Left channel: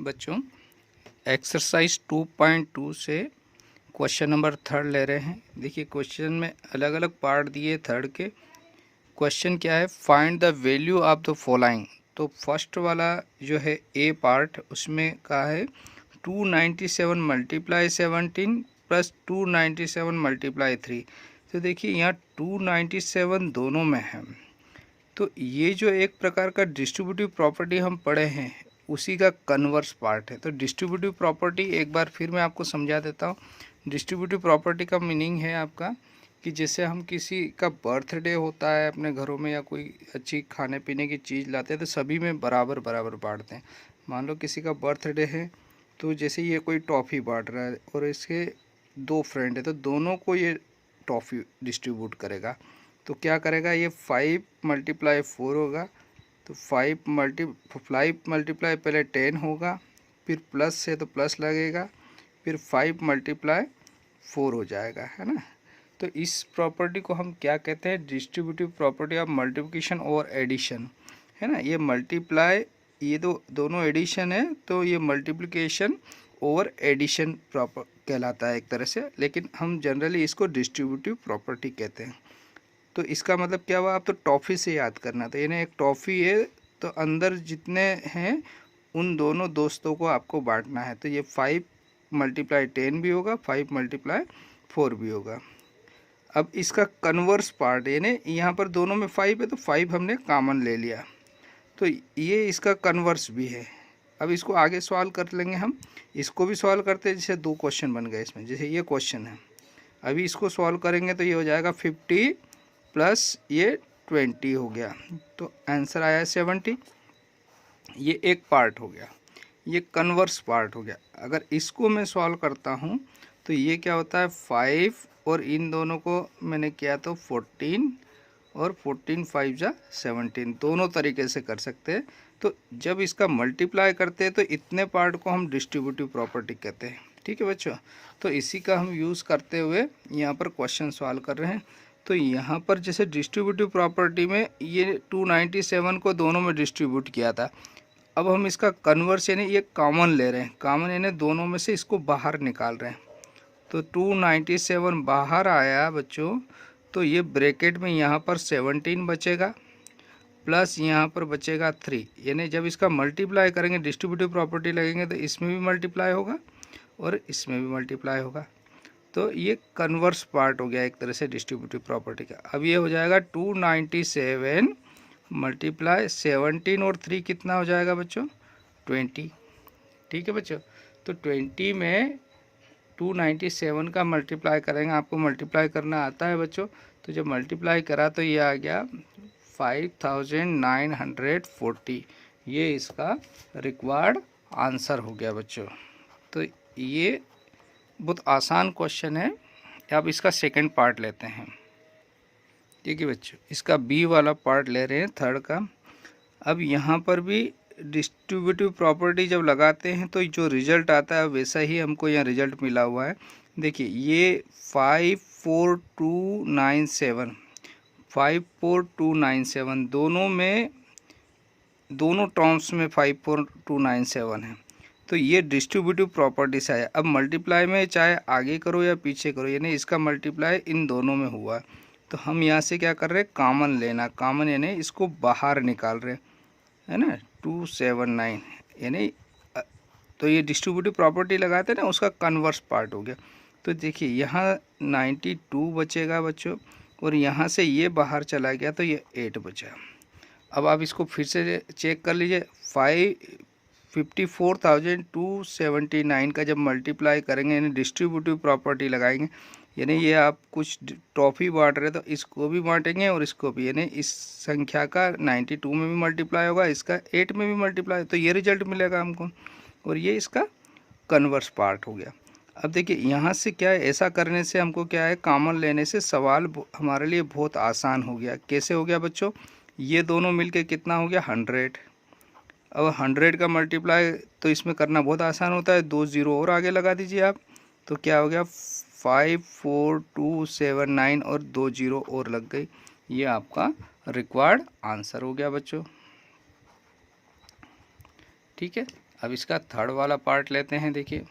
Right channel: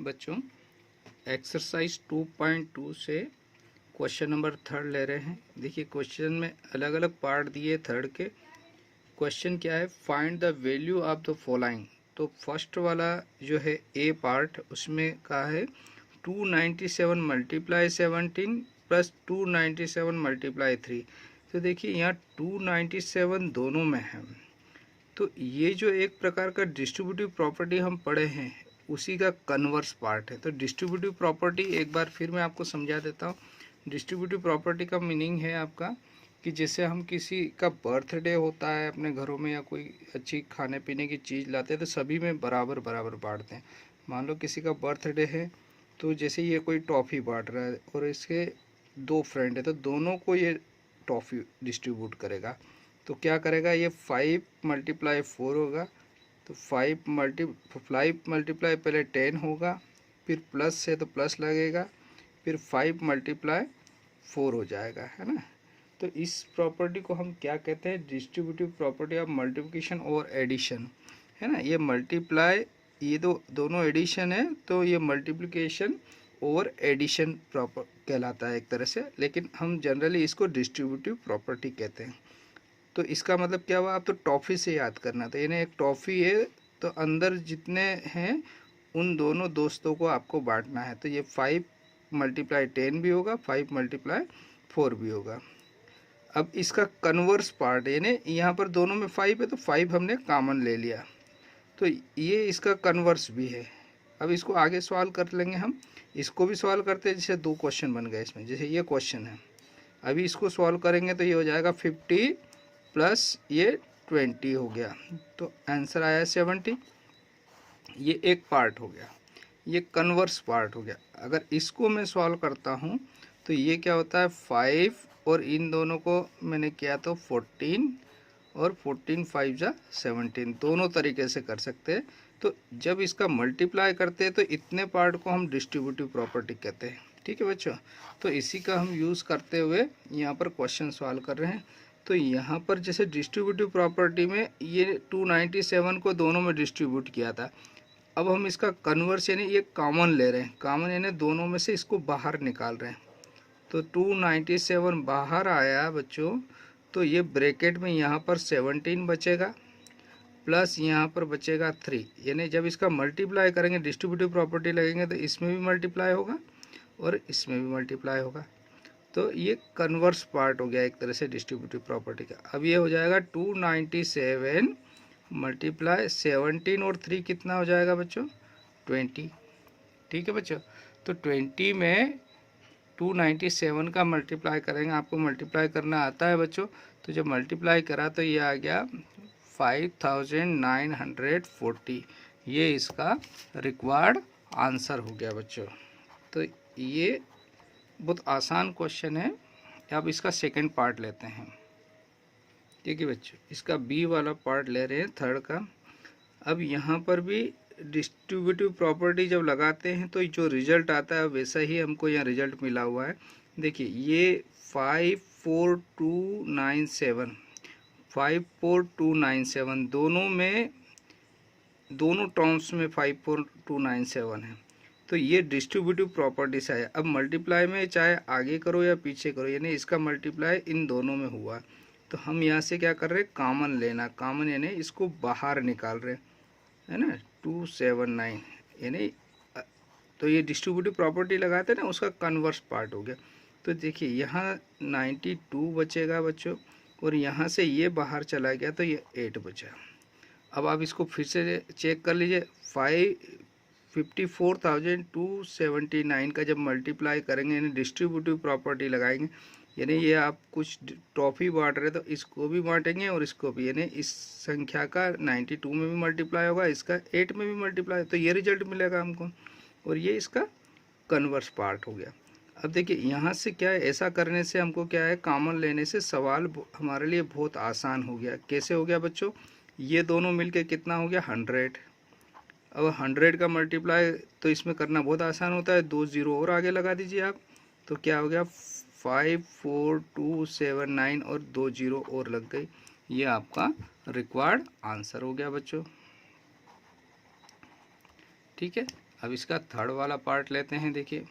बच्चों, एक्सरसाइज 2.2 से question number 3 ले रहे हैं। देखिए, क्वेश्चन में अलग अलग पार्ट दिए। थर्ड के क्वेश्चन क्या है, find the value of the following. तो फर्स्ट वाला जो है ए पार्ट, उसमें कहा है 297 मल्टीप्लाई 17 प्लस 297 मल्टीप्लाई 3। तो देखिए यहाँ 297 दोनों में है। तो ये जो एक प्रकार का डिस्ट्रीब्यूटिव प्रॉपर्टी हम पढ़े हैं, उसी का कन्वर्स पार्ट है। तो डिस्ट्रीब्यूटिव प्रॉपर्टी एक बार फिर मैं आपको समझा देता हूँ। डिस्ट्रीब्यूटिव प्रॉपर्टी का मीनिंग है आपका कि जैसे हम किसी का बर्थडे होता है अपने घरों में, या कोई अच्छी खाने पीने की चीज़ लाते हैं, तो सभी में बराबर बराबर बांटते हैं। मान लो किसी का बर्थडे है, तो जैसे ये कोई टॉफ़ी बांट रहा है और इसके 2 फ्रेंड है, तो दोनों को ये टॉफ़ी डिस्ट्रीब्यूट करेगा। तो क्या करेगा, ये 5 मल्टीप्लाई 4 होगा। तो 5 मल्टीप्लाई पहले 10 होगा, फिर प्लस से तो प्लस लगेगा, फिर 5 मल्टीप्लाई 4 हो जाएगा, है ना। तो इस प्रॉपर्टी को हम क्या कहते हैं, डिस्ट्रीब्यूटिव प्रॉपर्टी ऑफ मल्टीप्लिकेशन और एडिशन, है ना। ये मल्टीप्लाई, ये दोनों एडिशन है, तो ये मल्टीप्लिकेशन और एडिशन प्रॉपर कहलाता है एक तरह से, लेकिन हम जनरली इसको डिस्ट्रीब्यूटिव प्रॉपर्टी कहते हैं। तो इसका मतलब क्या हुआ, आप तो टॉफ़ी से याद करना। तो यानी एक टॉफ़ी है, तो अंदर जितने हैं उन दोनों दोस्तों को आपको बांटना है। तो ये 5 मल्टीप्लाई 10 भी होगा, 5 मल्टीप्लाई 4 भी होगा। अब इसका कन्वर्स पार्ट, यानी यहाँ पर दोनों में 5 है, तो 5 हमने कॉमन ले लिया, तो ये इसका कन्वर्स भी है। अब इसको आगे सॉल्व कर लेंगे हम। इसको भी सॉल्व करते हैं, जैसे 2 क्वेश्चन बन गए इसमें। जैसे ये क्वेश्चन है, अभी इसको सॉल्व करेंगे तो ये हो जाएगा 50 प्लस ये 20 हो गया, तो आंसर आया 70। ये एक पार्ट हो गया, ये कन्वर्स पार्ट हो गया। अगर इसको मैं सॉल्व करता हूँ तो ये क्या होता है, 5 और इन दोनों को मैंने किया तो 14 और 14 5 जा 17, दोनों तरीके से कर सकते हैं। तो जब इसका मल्टीप्लाई करते हैं तो इतने पार्ट को हम डिस्ट्रीब्यूटिव प्रॉपर्टी कहते हैं। ठीक है बच्चों, तो इसी का हम यूज़ करते हुए यहाँ पर क्वेश्चन सॉल्व कर रहे हैं। तो यहाँ पर जैसे डिस्ट्रीब्यूटिव प्रॉपर्टी में ये 297 को दोनों में डिस्ट्रीब्यूट किया था। अब हम इसका कन्वर्स यानी ये कॉमन ले रहे हैं, कॉमन यानी दोनों में से इसको बाहर निकाल रहे हैं। तो 297 बाहर आया बच्चों, तो ये ब्रैकेट में यहाँ पर 17 बचेगा, प्लस यहाँ पर बचेगा 3। यानी जब इसका मल्टीप्लाई करेंगे, डिस्ट्रीब्यूटिव प्रॉपर्टी लगेंगे, तो इसमें भी मल्टीप्लाई होगा और इसमें भी मल्टीप्लाई होगा। तो ये कन्वर्स पार्ट हो गया एक तरह से डिस्ट्रीब्यूटिव प्रॉपर्टी का। अब ये हो जाएगा 297 मल्टीप्लाई 17 और 3 कितना हो जाएगा बच्चों, 20। ठीक है बच्चों, तो 20 में 297 का मल्टीप्लाई करेंगे। आपको मल्टीप्लाई करना आता है बच्चों, तो जब मल्टीप्लाई करा तो ये आ गया 5940। ये इसका रिक्वायर्ड आंसर हो गया बच्चों। तो ये बहुत आसान क्वेश्चन है। अब इसका सेकंड पार्ट लेते हैं। ठीक है बच्चों, इसका बी वाला पार्ट ले रहे हैं, थर्ड का। अब यहाँ पर भी डिस्ट्रीब्यूटिव प्रॉपर्टी जब लगाते हैं तो जो रिजल्ट आता है वैसा ही हमको यहाँ रिजल्ट मिला हुआ है। देखिए ये 54297 दोनों में, दोनों टर्म्स में 54297 है। तो ये डिस्ट्रीब्यूटिव प्रॉपर्टी से आया। अब मल्टीप्लाई में चाहे आगे करो या पीछे करो, यानी इसका मल्टीप्लाई इन दोनों में हुआ, तो हम यहाँ से क्या कर रहे हैं, कॉमन लेना। कॉमन यानी इसको बाहर निकाल रहे हैं, है ना। 279 यानी, तो ये डिस्ट्रीब्यूटिव प्रॉपर्टी लगाते हैं ना, उसका कन्वर्स पार्ट हो गया। तो देखिए यहाँ 92 बचेगा बच्चों, और यहाँ से ये बाहर चला गया तो ये 8 बचा। अब आप इसको फिर से चेक कर लीजिए। 54,279 का जब मल्टीप्लाई करेंगे, यानी डिस्ट्रीब्यूटिव प्रॉपर्टी लगाएंगे, यानी ये आप कुछ टॉफ़ी बांट रहे तो इसको भी बांटेंगे और इसको भी, यानी इस संख्या का 92 में भी मल्टीप्लाई होगा, इसका 8 में भी मल्टीप्लाई, तो ये रिजल्ट मिलेगा हमको। और ये इसका कन्वर्स पार्ट हो गया। अब देखिए यहाँ से क्या है, ऐसा करने से हमको क्या है, कॉमन लेने से सवाल हमारे लिए बहुत आसान हो गया। कैसे हो गया बच्चों, ये दोनों मिलके कितना हो गया, 100। अब 100 का मल्टीप्लाई तो इसमें करना बहुत आसान होता है, 2 0 और आगे लगा दीजिए आप, तो क्या हो गया 54279 और 2 0 और लग गई, ये आपका रिक्वायर्ड आंसर हो गया बच्चों। ठीक है, अब इसका थर्ड वाला पार्ट लेते हैं। देखिए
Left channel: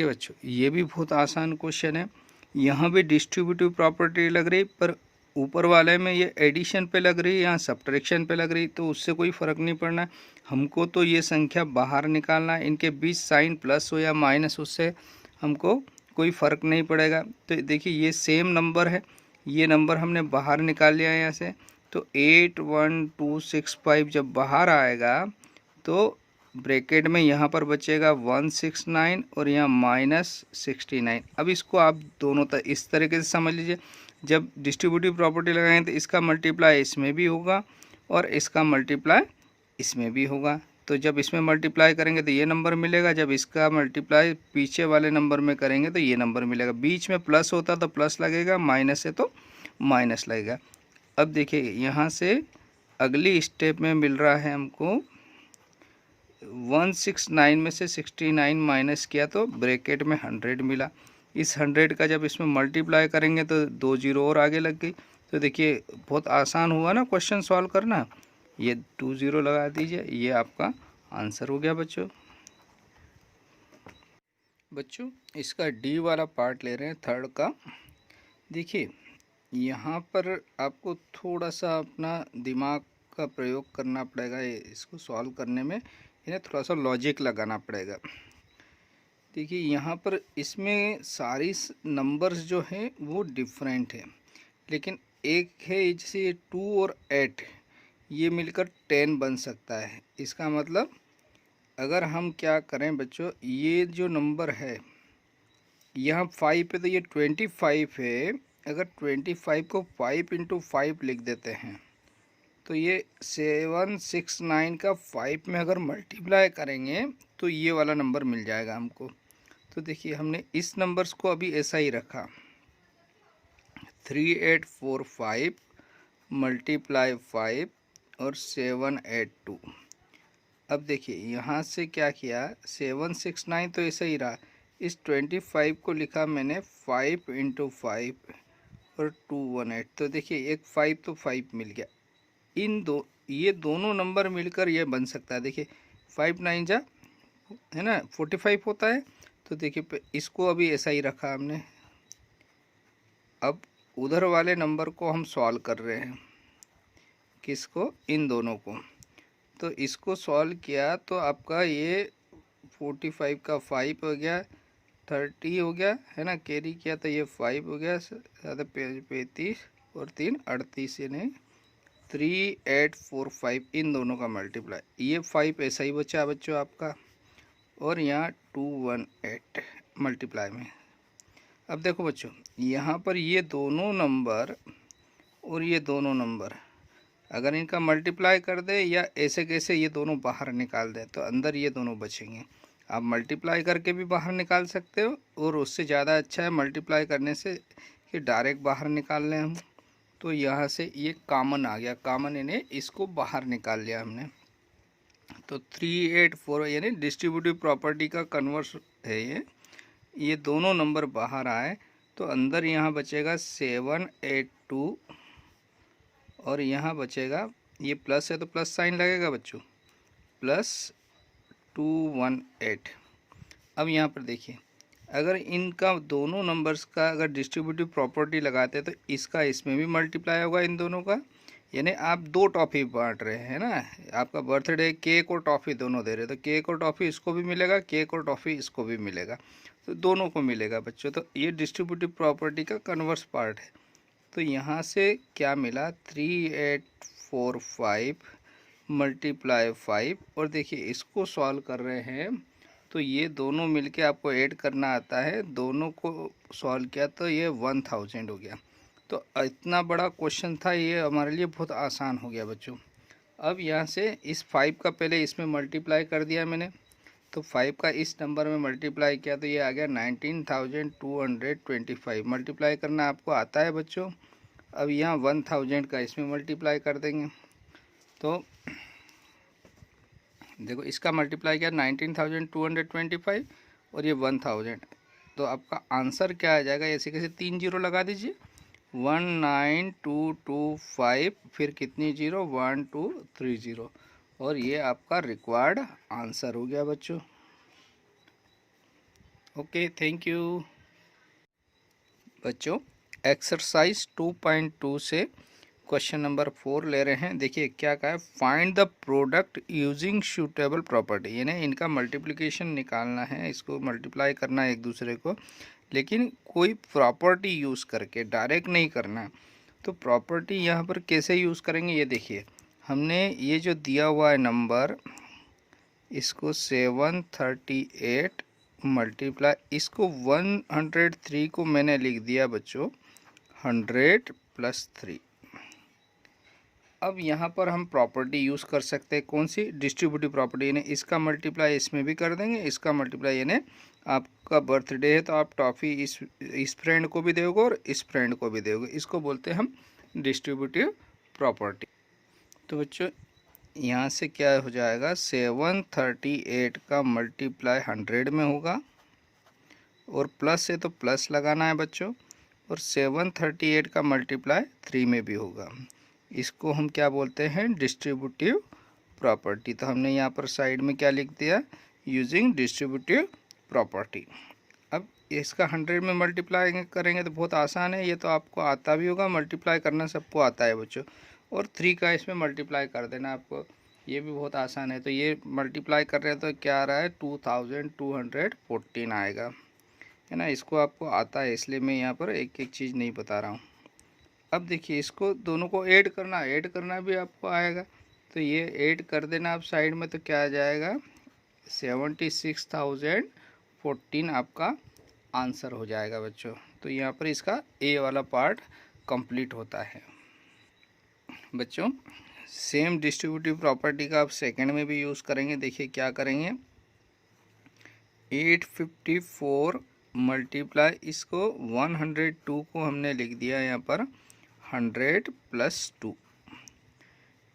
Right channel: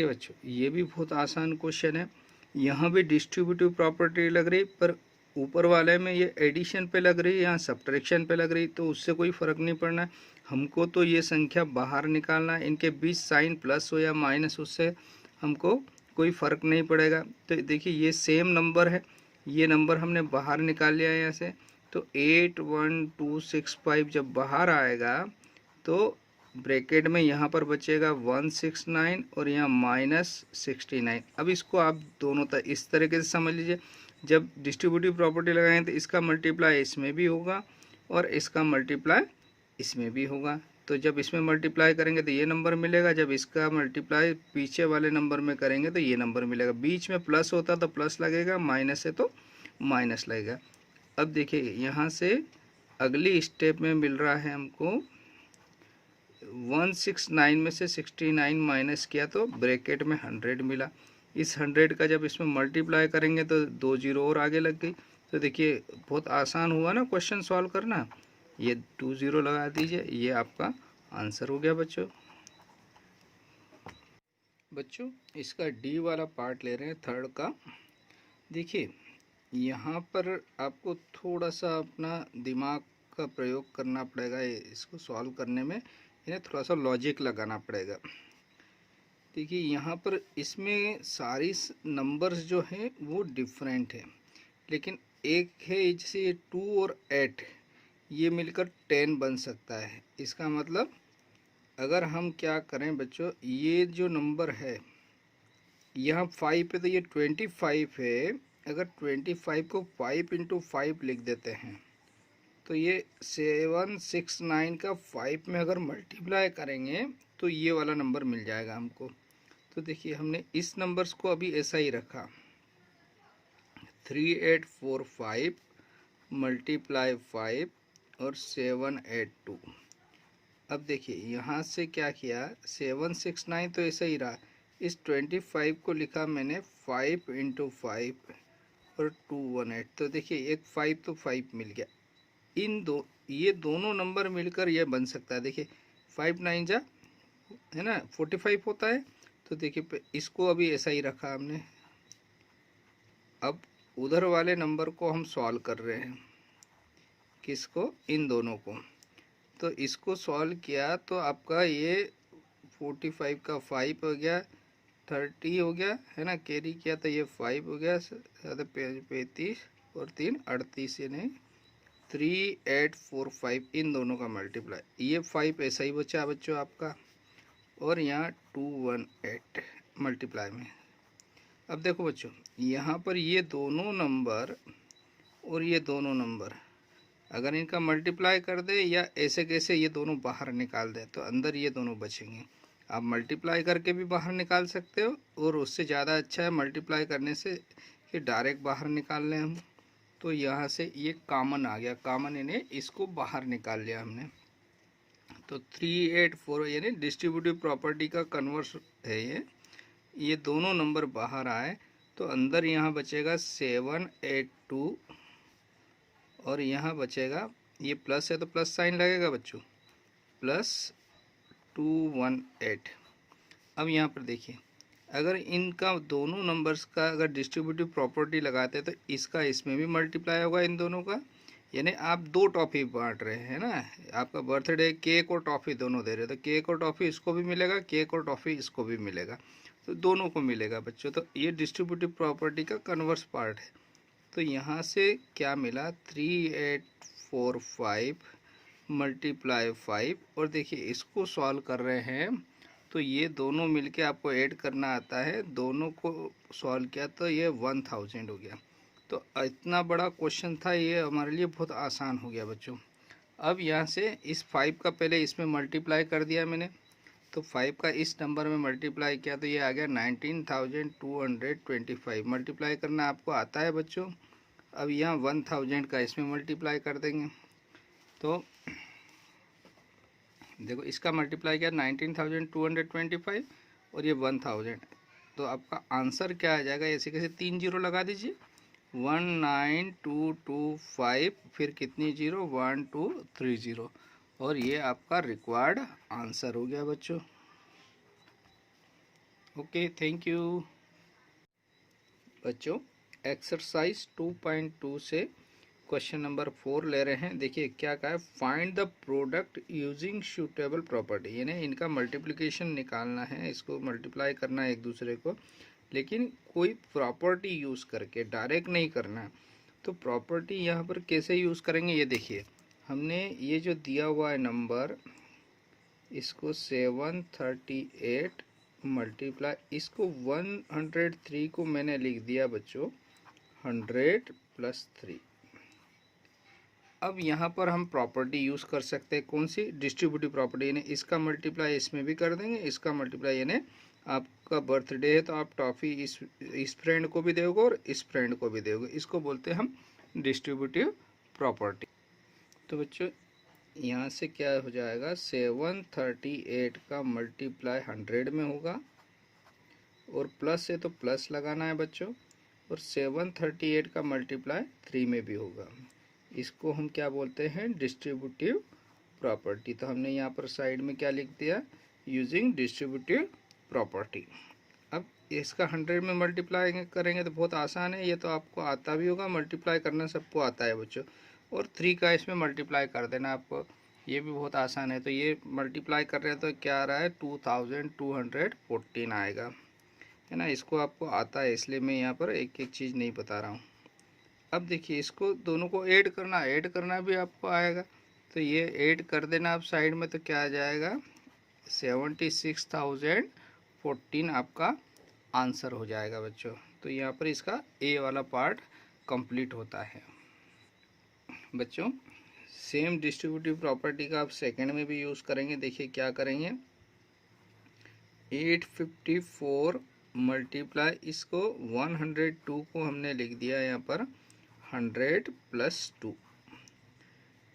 बच्चों, ये भी बहुत आसान क्वेश्चन है। यहाँ भी डिस्ट्रीब्यूटिव प्रॉपर्टी लग रही, पर ऊपर वाले में ये एडिशन पे लग रही है, यहाँ सब्ट्रैक्शन पे लग रही, तो उससे कोई फ़र्क नहीं पड़ना है हमको। तो ये संख्या बाहर निकालना है, इनके बीच साइन प्लस हो या माइनस, उससे हमको कोई फ़र्क नहीं पड़ेगा। तो देखिए ये सेम नंबर है, ये नंबर हमने बाहर निकाल लिया है यहाँ से। तो 81265 जब बाहर आएगा तो ब्रैकेट में यहाँ पर बचेगा 169 और यहाँ -69। अब इसको आप दोनों इस तरीके से समझ लीजिए, जब डिस्ट्रीब्यूटिव प्रॉपर्टी लगाएं तो इसका मल्टीप्लाई इसमें भी होगा और इसका मल्टीप्लाई इसमें भी होगा। तो जब इसमें मल्टीप्लाई करेंगे तो ये नंबर मिलेगा, जब इसका मल्टीप्लाई पीछे वाले नंबर में करेंगे तो ये नंबर मिलेगा। बीच में प्लस होता तो प्लस लगेगा, माइनस है तो माइनस लगेगा। अब देखिए यहाँ से अगली स्टेप में मिल रहा है हमको 169 में से 69 माइनस किया तो ब्रैकेट में 100 मिला। इस 100 का जब इसमें मल्टीप्लाई करेंगे तो 2 जीरो और आगे लग गई। तो देखिए बहुत आसान हुआ ना क्वेश्चन सॉल्व करना। ये 2 जीरो लगा दीजिए, ये आपका आंसर हो गया बच्चों। इसका डी वाला पार्ट ले रहे हैं थर्ड का। देखिए यहाँ पर आपको थोड़ा सा अपना दिमाग का प्रयोग करना पड़ेगा इसको सॉल्व करने में, इन्हें थोड़ा सा लॉजिक लगाना पड़ेगा। देखिए यहाँ पर इसमें सारी नंबर्स जो हैं वो डिफरेंट है, लेकिन एक है जैसे 2 और 8 ये मिलकर 10 बन सकता है। इसका मतलब अगर हम क्या करें बच्चों, ये जो नंबर है यहाँ 5 है तो ये 25 है। अगर 25 को 5 × 5 लिख देते हैं तो ये 769 का 5 में अगर मल्टीप्लाई करेंगे तो ये वाला नंबर मिल जाएगा हमको। तो देखिए हमने इस नंबर्स को अभी ऐसा ही रखा, 3845 मल्टीप्लाई 5 और 782। अब देखिए यहाँ से क्या किया, 769 तो ऐसा ही रहा, इस 25 को लिखा मैंने 5 × 5 और 218। तो देखिए एक 5 तो 5 मिल गया। ये दोनों नंबर मिलकर ये बन सकता है। देखिए 5 9 जा है ना 45 होता है। तो देखिए इसको अभी ऐसा ही रखा हमने। अब उधर वाले नंबर को हम सॉल्व कर रहे हैं, किसको, इन दोनों को। तो इसको सॉल्व किया तो आपका ये 45 का 5 हो गया, 30 हो गया है ना, कैरी किया तो ये 5 हो गया, 35 और 3 38, यानी 3845 इन दोनों का मल्टीप्लाई। ये 5 ऐसा ही बचा बच्चों आपका, और यहाँ 218 मल्टीप्लाई में। अब देखो बच्चों यहाँ पर ये दोनों नंबर और ये दोनों नंबर अगर इनका मल्टीप्लाई कर दे या ऐसे कैसे ये दोनों बाहर निकाल दे तो अंदर ये दोनों बचेंगे। आप मल्टीप्लाई करके भी बाहर निकाल सकते हो, और उससे ज़्यादा अच्छा है मल्टीप्लाई करने से कि डायरेक्ट बाहर निकाल लें हम। तो यहाँ से ये कॉमन आ गया, कॉमन यानी इसको बाहर निकाल लिया हमने। तो 384 यानी डिस्ट्रीब्यूटिव प्रॉपर्टी का कन्वर्स है ये दोनों नंबर बाहर आए तो अंदर यहाँ बचेगा 782 और यहाँ बचेगा, ये प्लस है तो प्लस साइन लगेगा बच्चों, +218। अब यहाँ पर देखिए अगर इनका दोनों नंबर्स का अगर डिस्ट्रीब्यूटिव प्रॉपर्टी लगाते हैं तो इसका इसमें भी मल्टीप्लाई होगा इन दोनों का, यानी आप 2 टॉफ़ी बांट रहे हैं ना। आपका बर्थडे केक और टॉफ़ी दोनों दे रहे हैं, तो केक और टॉफ़ी इसको भी मिलेगा, केक और टॉफ़ी इसको भी मिलेगा, तो दोनों को मिलेगा बच्चों। तो ये डिस्ट्रीब्यूटिव प्रॉपर्टी का कन्वर्स पार्ट है। तो यहाँ से क्या मिला, 3845 मल्टीप्लाई 5, और देखिए इसको सॉल्व कर रहे हैं तो ये दोनों मिलके आपको ऐड करना आता है, दोनों को सॉल्व किया तो ये 1000 हो गया। तो इतना बड़ा क्वेश्चन था, ये हमारे लिए बहुत आसान हो गया बच्चों। अब यहाँ से इस 5 का पहले इसमें मल्टीप्लाई कर दिया मैंने, तो 5 का इस नंबर में मल्टीप्लाई किया तो ये आ गया 19,225। मल्टीप्लाई करना आपको आता है बच्चों। अब यहाँ 1000 का इसमें मल्टीप्लाई कर देंगे, तो देखो इसका मल्टीप्लाई किया 19,225 और ये 1000, तो आपका आंसर क्या आ जाएगा, ऐसे कैसे 3 जीरो लगा दीजिए, 19225, फिर कितनी जीरो, 1230, और ये आपका रिक्वायर्ड आंसर हो गया बच्चों। ओके, थैंक यू बच्चों। एक्सरसाइज 2.2 से क्वेश्चन नंबर 4 ले रहे हैं। देखिए क्या कहा है, find the product using suitable property, यानी इनका मल्टीप्लिकेशन निकालना है, इसको मल्टीप्लाई करना है एक दूसरे को, लेकिन कोई प्रॉपर्टी यूज़ करके, डायरेक्ट नहीं करना। तो प्रॉपर्टी यहाँ पर कैसे यूज़ करेंगे, ये देखिए, हमने ये जो दिया हुआ है नंबर, इसको 738 मल्टीप्लाई, इसको 103 को मैंने लिख दिया बच्चों 100 + 3। अब यहाँ पर हम प्रॉपर्टी यूज़ कर सकते हैं, कौन सी, डिस्ट्रीब्यूटिव प्रॉपर्टी, यानी इसका मल्टीप्लाई इसमें भी कर देंगे, इसका मल्टीप्लाई, यानी आपका बर्थडे है तो आप टॉफ़ी इस फ्रेंड को भी दोगे और इस फ्रेंड को भी दोगे, इसको बोलते हैं हम डिस्ट्रीब्यूटिव प्रॉपर्टी। तो बच्चों यहाँ से क्या हो जाएगा, 738 का मल्टीप्लाई 100 में होगा, और प्लस है तो प्लस लगाना है बच्चों, और 738 का मल्टीप्लाई 3 में भी होगा। इसको हम क्या बोलते हैं, डिस्ट्रीब्यूटिव प्रॉपर्टी। तो हमने यहाँ पर साइड में क्या लिख दिया, यूजिंग डिस्ट्रीब्यूटिव प्रॉपर्टी। अब इसका 100 में मल्टीप्लाई करेंगे तो बहुत आसान है, ये तो आपको आता भी होगा, मल्टीप्लाई करना सबको आता है बच्चों, और 3 का इसमें मल्टीप्लाई कर देना आपको, ये भी बहुत आसान है। तो ये मल्टीप्लाई कर रहे हैं तो क्या आ रहा है, 2214 आएगा, है ना। इसको आपको आता है, इसलिए मैं यहाँ पर एक एक चीज़ नहीं बता रहा हूँ। अब देखिए इसको दोनों को ऐड करना भी आपको आएगा, तो ये ऐड कर देना आप साइड में, तो क्या आ जाएगा, 76,014 आपका आंसर हो जाएगा बच्चों। तो यहाँ पर इसका ए वाला पार्ट कंप्लीट होता है बच्चों। सेम डिस्ट्रीब्यूटिव प्रॉपर्टी का आप सेकंड में भी यूज़ करेंगे। देखिए क्या करेंगे, 854 मल्टीप्लाई, इसको 102 को हमने लिख दिया यहाँ पर 100 + 2,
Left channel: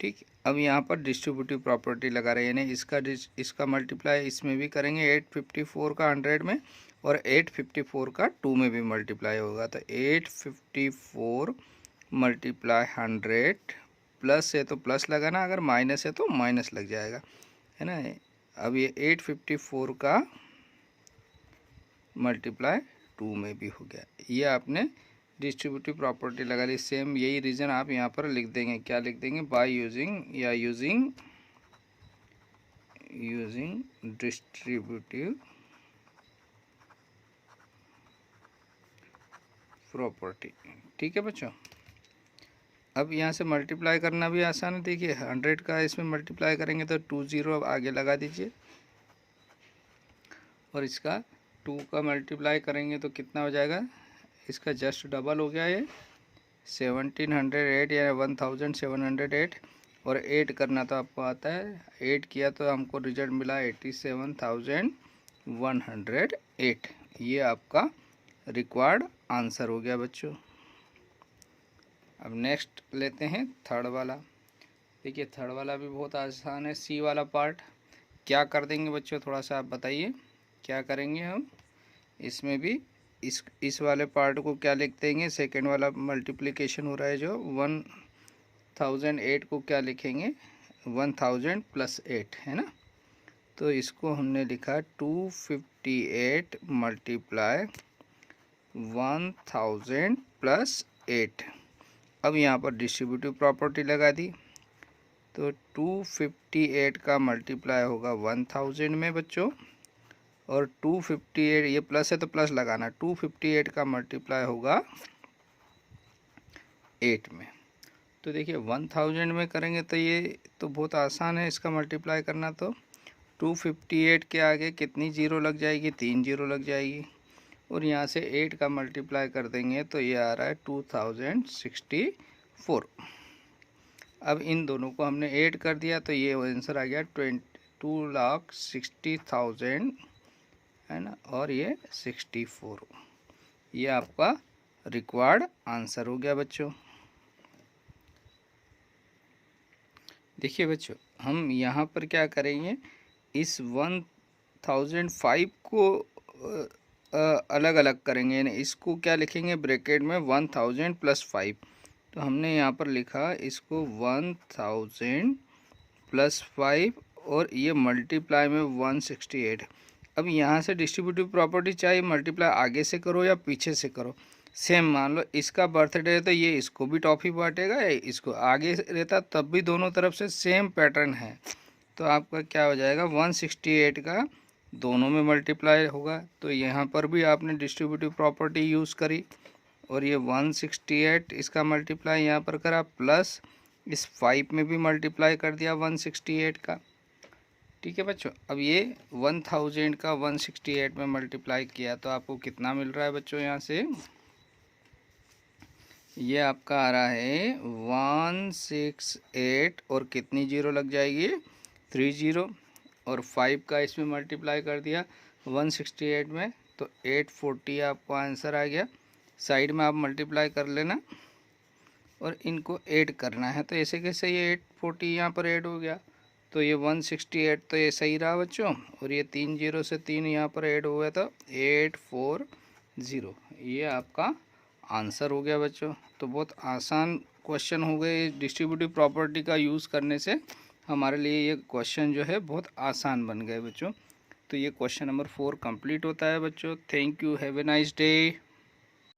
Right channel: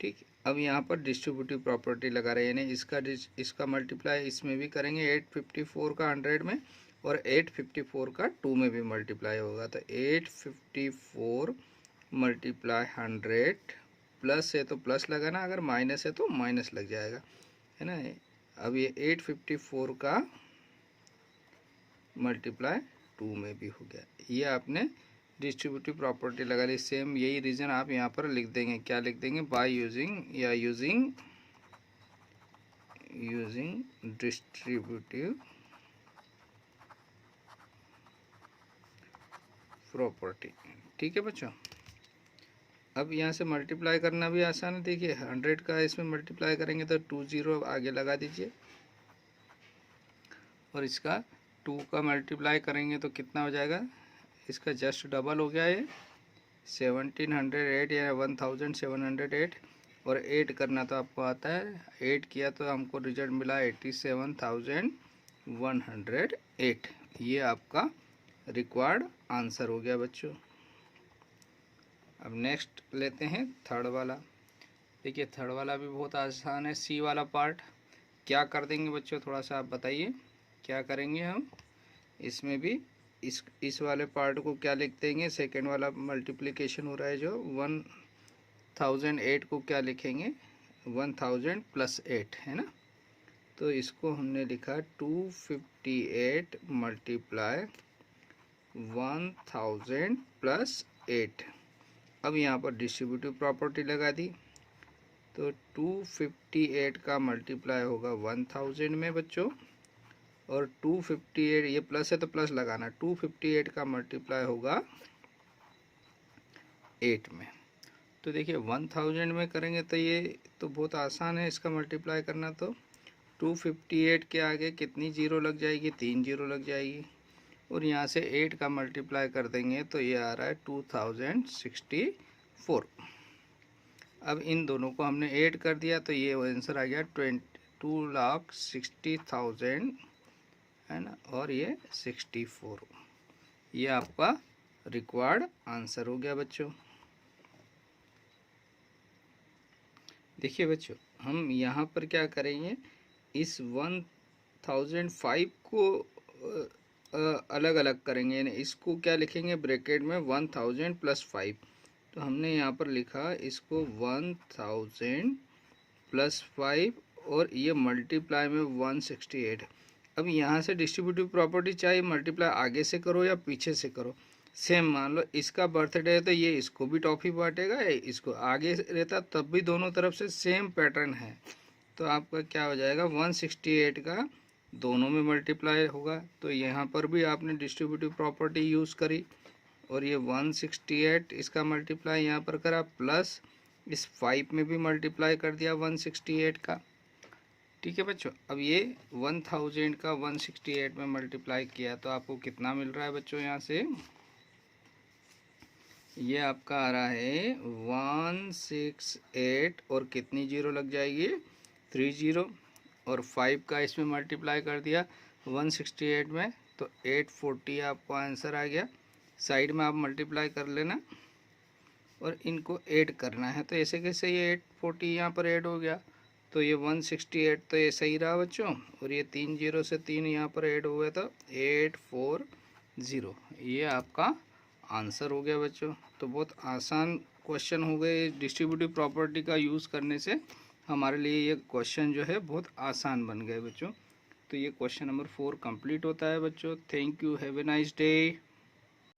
ठीक। अब यहाँ पर डिस्ट्रीब्यूटिव प्रॉपर्टी लगा रहे हैं, यानी इसका मल्टीप्लाई इसमें भी करेंगे, 854 का 100 में, और 854 का 2 में भी मल्टीप्लाई होगा। तो 854 मल्टीप्लाई 100, प्लस है तो प्लस लगाना, अगर माइनस है तो माइनस लग जाएगा, है ना। अब ये 854 का मल्टीप्लाई 2 में भी हो गया, ये आपने डिस्ट्रीब्यूटिव प्रॉपर्टी लगा ली। सेम यही रीज़न आप यहाँ पर लिख देंगे, क्या लिख देंगे, बाय यूजिंग या यूजिंग डिस्ट्रीब्यूटिव प्रॉपर्टी, ठीक है बच्चों। अब यहाँ से मल्टीप्लाई करना भी आसान है। देखिए 100 का इसमें मल्टीप्लाई करेंगे तो 20 आगे लगा दीजिए, और इसका 2 का मल्टीप्लाई करेंगे तो कितना हो जाएगा, इसका जस्ट डबल हो गया ये 1708 या 1708, और 8 करना तो आपको आता है, 8 किया तो हमको रिजल्ट मिला 87,108। ये आपका रिक्वायर्ड आंसर हो गया बच्चों। अब नेक्स्ट लेते हैं थर्ड वाला। देखिए थर्ड वाला भी बहुत आसान है, सी वाला पार्ट। क्या कर देंगे बच्चों, थोड़ा सा आप बताइए क्या करेंगे हम। इसमें भी इस वाले पार्ट को क्या लिख देंगे, सेकेंड वाला मल्टीप्लिकेशन हो रहा है जो 1008 को क्या लिखेंगे, 1000 + 8, है ना। तो इसको हमने लिखा 258 मल्टीप्लाई 1000 + 8। अब यहाँ पर डिस्ट्रीब्यूटिव प्रॉपर्टी लगा दी, तो 258 का मल्टीप्लाई होगा 1000 में बच्चों, और 258, ये प्लस है तो प्लस लगाना, 258 का मल्टीप्लाई होगा 8 में। तो देखिए 1000 में करेंगे तो ये तो बहुत आसान है इसका मल्टीप्लाई करना। तो 258 के आगे कितनी जीरो लग जाएगी, 3 जीरो लग जाएगी, और यहाँ से 8 का मल्टीप्लाई कर देंगे तो ये आ रहा है 2064। अब इन दोनों को हमने ऐड कर दिया तो ये आंसर आ गया 2,60,000, है ना, और ये 64। ये आपका रिक्वायर्ड आंसर हो गया बच्चों। देखिए बच्चों हम यहाँ पर क्या करेंगे, इस 1005 को अलग अलग करेंगे, यानी इसको क्या लिखेंगे ब्रैकेट में 1000 प्लस 5। तो हमने यहाँ पर लिखा इसको 1000 प्लस 5 और ये मल्टीप्लाई में 168। अब यहाँ से डिस्ट्रीब्यूटिव प्रॉपर्टी चाहिए, मल्टीप्लाई आगे से करो या पीछे से करो। सेम मान लो इसका बर्थडे है तो ये इसको भी टॉफ़ी बांटेगा, इसको आगे रहता तब भी दोनों तरफ से सेम पैटर्न है। तो आपका क्या हो जाएगा 168 का दोनों में मल्टीप्लाई होगा। तो यहाँ पर भी आपने डिस्ट्रीब्यूटिव प्रॉपर्टी यूज़ करी और ये 168 इसका मल्टीप्लाई यहाँ पर करा, प्लस इस 5 में भी मल्टीप्लाई कर दिया 168 का। ठीक है बच्चों, अब ये 1000 का 168 में मल्टीप्लाई किया तो आपको कितना मिल रहा है बच्चों, यहाँ से ये आपका आ रहा है 168 और कितनी जीरो लग जाएगी 3 जीरो, और 5 का इसमें मल्टीप्लाई कर दिया 168 में तो 840 आपको आंसर आ गया। साइड में आप मल्टीप्लाई कर लेना और इनको ऐड करना है। तो ऐसे कैसे ये 840 यहाँ पर ऐड हो गया तो ये 168 तो ये सही रहा बच्चों, और ये 3 जीरो से 3 यहाँ पर ऐड हो गया तो 840, ये आपका आंसर हो गया बच्चों। तो बहुत आसान क्वेश्चन हो गए, डिस्ट्रीब्यूटिव प्रॉपर्टी का यूज़ करने से हमारे लिए ये क्वेश्चन जो है बहुत आसान बन गए बच्चों। तो ये क्वेश्चन नंबर 4 कंप्लीट होता है बच्चों। Thank you, have a nice day.